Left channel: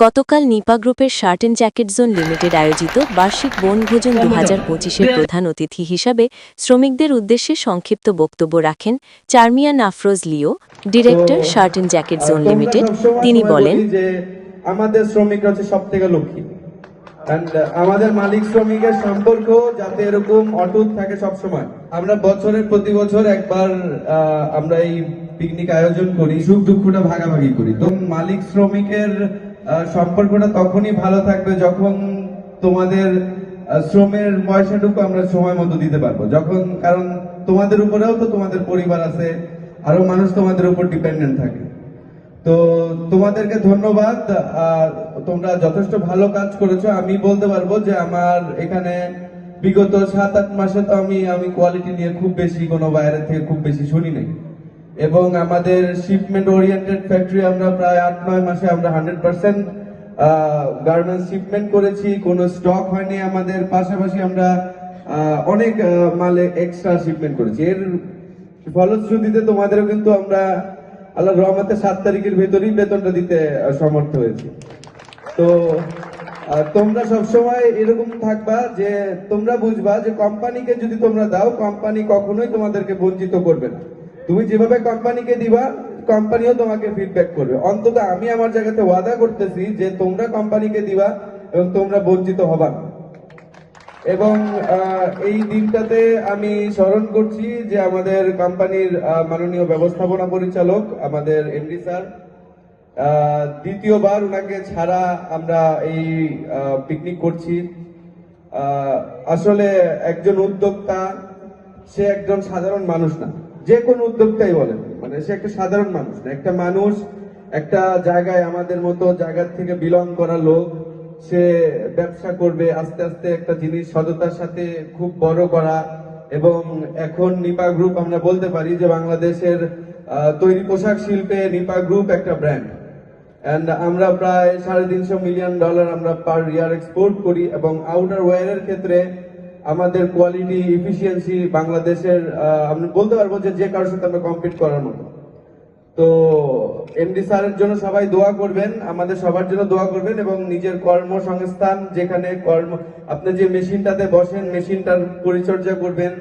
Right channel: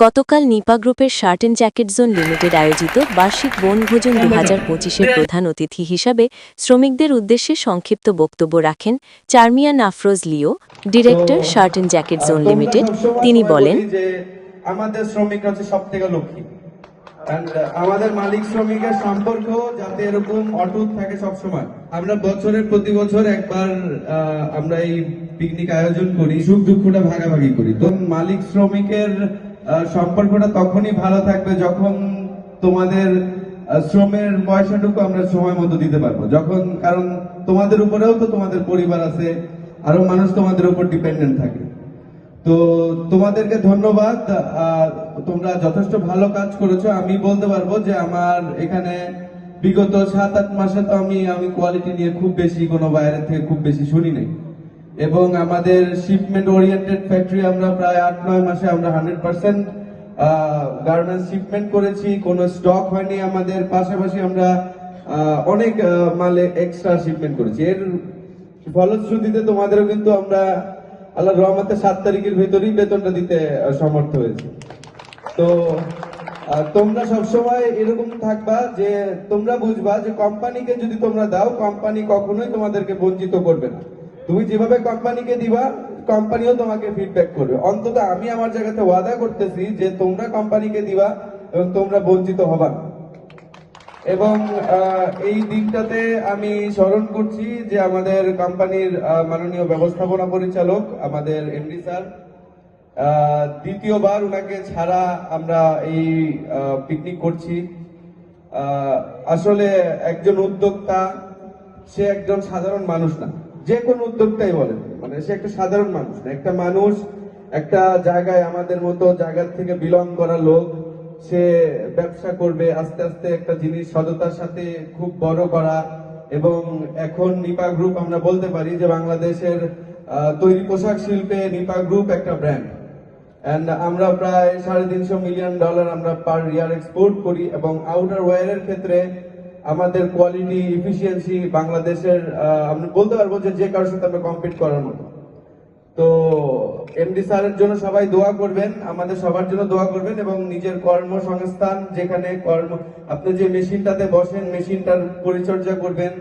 গতকাল নিপা গ্রুপের shirt and jacket zone limited আয়োজিত বার্ষিক বনভোজন দু হাজার পঁচিশের প্রধান অতিথি হিসাবে শ্রমিকদের উদ্দেশ্যে সংক্ষিপ্ত বক্তব্য রাখেন Charmia Nafroz Leo director shirt and jacket zone limited. তিনি বলেন আমাদের শ্রমিক হচ্ছে সব থেকে uh, আমাদের মালিক শ্রমিকের সম্পর্ক যাতে এরকম অটুট থাকে সবসময়। আমরা বছরের প্রতি বছর একবার আমরা এই পিকনিক আয়োজন করি সুখ দুঃখটা ভাগাভাগি করি। তো মালিক শ্রমিকের সম্পর্কটা তখনই ভালো থাকবে যখন তোমাদের শ্রমের পয়সাটুকু আমরা সময় মতো দিতে পারব। যখন, কারণ তোমাদের উপরেও তো তোমাদের পরিবার আছে, আরও মানুষ তোমাদের উপর ডিপেন্ডেন্ট থাকে। তো তোমাদেরকে ধন্যবাদ তোমরা যথেষ্ট ভালো কাজ করেছ। আমি বলতে পারব যে আমার এখানে বিগত সাত আট মাসে তো আমি আমি কোয়ালিটি নিয়ে খুব বেশি কোনো বাইরে থেকে খুব বেশি শুনিনি। এবং আমাদের শিপমেন্ট ওরিয়েন্টেড ফ্যাক্টরি আমরা প্রায় আট, নয় মাসে আমরা হান্ড্রেড পার্সেন্ট গার্মেন্টস শিপমেন্ট করেছি। কোনো স্টক হয়নি আমাদের। পাশাপাশি আমরা অনেক মালে এক্সট্রা শিপমেন্ট করেছি। এর ফলশ্রুতিতে তোমাদেরও কিন্তু আমরা আল্লাহ রহমতের সাত তারিখের ভেতরেই বেতনটা দিতে সমর্থ হয়েছে। তো তোমরা সবসময় এরকম থাকবা যে, তোমরা বুঝবা যে কোম্পানিকে যদি তোমরা দাও কোম্পানি কখনোই তোমাদেরকে বঞ্চিত করবে না। তুমি যেভাবে কোম্পানিকে দিবা, কোম্পানিও তোমাকে ফিডব্যাক করবে। অন্তত আমি আমার জায়গাতে ওয়াদা করতেছি যে তোমরা কোম্পানিকে দিবা এবং তোমরা বঞ্চিত হবা। এবং এই দিনটাতে আমি স্মরণ করছি যে আমাদের কোম্পানির মাননীয় ব্যবস্থাপনা পরিচালক, আমাদের এমডি স্যার দ্বিতীয়বার ওনাকে ছাড়া আমরা এই পিকনিক করছি। আসলে একজন উদ্যোক্তা, সে একজন সাধারণ মানুষ না। যে কোনো উদ্যোক্তাই বলেন। মানে সে একটা সাধারণ মানুষ একটা মানুষ, একটা জায়গায় আমাদের মতো জায়গা থেকে বিলং করা লোক, সে ব্যবসা করবে, আস্তে আস্তে একটা জিনিস সততার সাথে খুব বড় করা এবং এখন নিপা গ্রুপ আমরা বলতে পারি যে বাংলাদেশের তৈরি পোশাক শিল্পে নিপা গ্রুপ একটা ব্র্যান্ড অ্যান্ড আমরা প্রায় সাড়ে তিনশো মিলিয়ন ডলার আমরা পার ইয়ার এক্সপোর্ট করি এবং আউটার ওয়ারের ক্ষেত্রে আমাদের কোয়ালিটি ইফিসিয়েন্সি বাংলাদেশের আমি বলতে পারব যে যে কারোর সাথে আমরা কম্পিট করার মতো। তো এমডি স্যারের জন্য সবাই দোয়া করবেন, আমাদের সবার জন্য দোয়া করবেন এবং নিজের কর্মসংস্থান যেখানে কর্ম, আপনি যে মেশিনটাতে বসেন, মেশিনটার পরিচর্যা করবেন,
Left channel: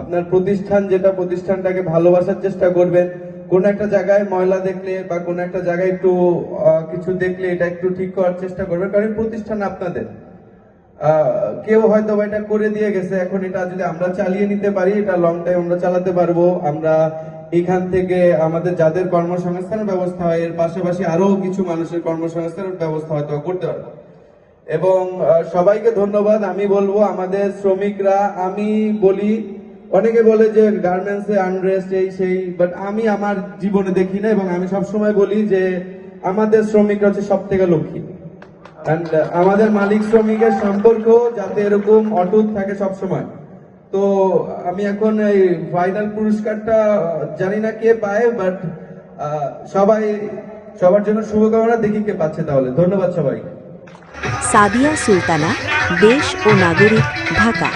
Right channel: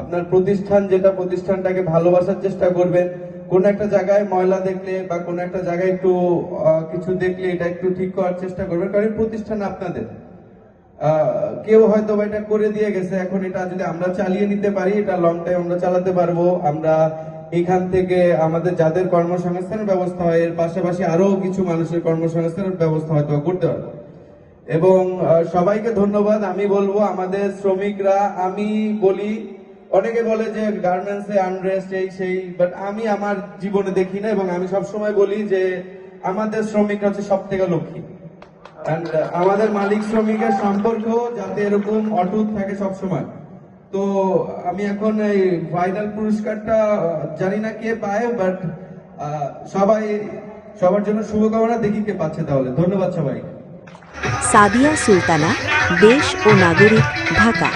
আপনার প্রতিষ্ঠান যেটা প্রতিষ্ঠানটাকে ভালোবাসার চেষ্টা করবেন, কোন একটা জায়গায় ময়লা দেখলে বা কোন একটা জায়গায় একটু কিছু দেখলে এটা একটু ঠিক করার চেষ্টা করবেন, কারণ প্রতিষ্ঠান আপনাদের। কেউ হয়তো এটা করে দিয়ে গেছে। এখন এটা যদি আমরা চালিয়ে নিতে পারি, এটা লং টাইম আমরা চালাতে পারব। আমরা এখান থেকে আমাদের যাদের কর্মসংস্থানের ব্যবস্থা হয়, এর পাশাপাশি আরও কিছু মানুষের কর্মসংস্থানের ব্যবস্থা হয়তো করতে পারব। এবং সবাইকে ধন্যবাদ। আমি বলব, আমাদের শ্রমিকরা, আমি বলি, অনেকে বলে যে গার্মেন্টস আনরেস্ট এই সেই বাট আমি আমার জীবনে দেখি না, এবং আমি সবসময় বলি যে আমাদের শ্রমিক হচ্ছে সব থেকে লক্ষ্মী। আমাদের মালিক শ্রমিকের সম্পর্ক যাতে এরকম অটুট থাকে সবসময়। তো আমি এখন এই ফাইনাল পুরস্কারটা জানি না কে পায় বাট সবাই, সবার জন্য শুভকামনা, দেখি কে পাচ্ছে তাহলে। ধন্যবাদ সবাই সাদিয়া সুলতানা, দেশ ও নাগরিক, ঢাকা।